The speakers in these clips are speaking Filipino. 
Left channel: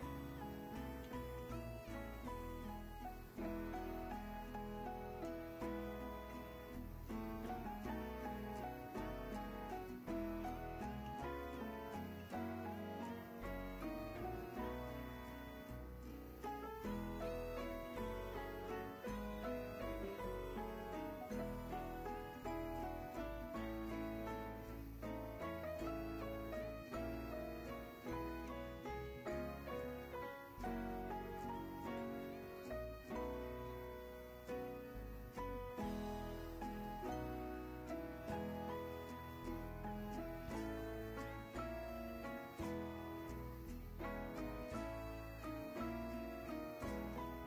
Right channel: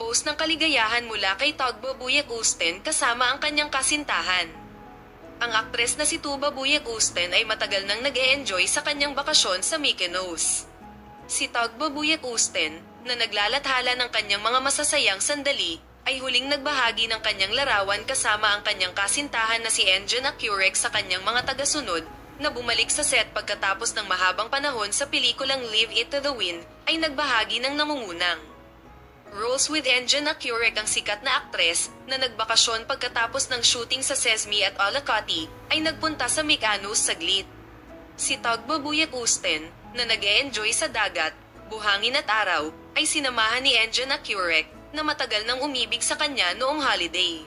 nagpost ng kaligayahan mula kay Tugbo Buyek Usten kasama ang kanyang kasintahan. Ang aktres na si Tuba Buyek Usten ay matagal nang nag-e-enjoy sa kanyang bakasyon sa Mykonos. Si Tugbo Buyek Usten, na naglalathala ng kanyang mga masasayang sandali, ay huling nagbahagi ng kanyang larawan kasama ang kanyang kasintahan na si Enjan Akurek sa kanyang mga tagasunod, na bumalik sa set pagkatapos ng mahabang panahon sa pelikulang Leave It to the Wind, ay nagbahagi ng nangungunang roles with Enjan Akurek. Ang sikat na aktres, na nagbakasyon pagkatapos ng shooting sa Sesame at Olacoti, ay nagpunta sa Mykonos saglit. Si Tugbo Buyek Usten, na nag-e-enjoy sa dagat, buhangin at araw, ay sinamahan ni Enjan Akurek, na matagal nang umibig sa kanya noong holiday.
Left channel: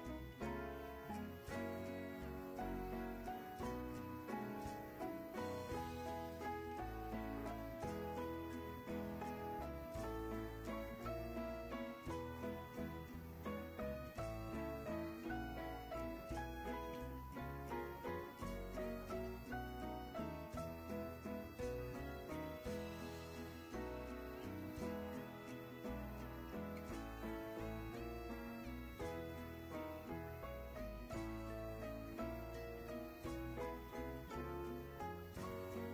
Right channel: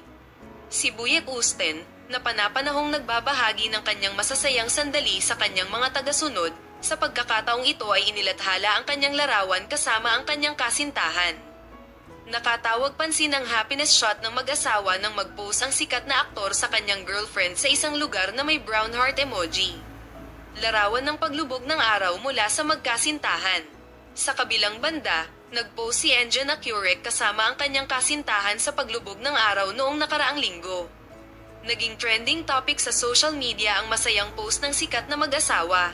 Si Buyek Usten, na panapanahong nagbabahagi ng kanyang masasayang sandali sa kanyang mga tagasunod, sa pagkakataong ito ay inilathala ang kanyang larawan kasama ang kanyang kasintahan. Nakatawag pansin ang happiness shot ng mag-asawa nang mag-post ang sikat na aktor sa kanyang girlfriend sa isang lugar na may brown heart emoji. Larawan ng paglubog ng araw mula sa magkasintahan. Sa kabilang banda, nag-post si Enjan Akurek kasama ang kanyang kasintahan sa paglubog ng araw noong nakaraang linggo. Naging trending topic sa social media ang masayang post ng sikat na mag-asawa.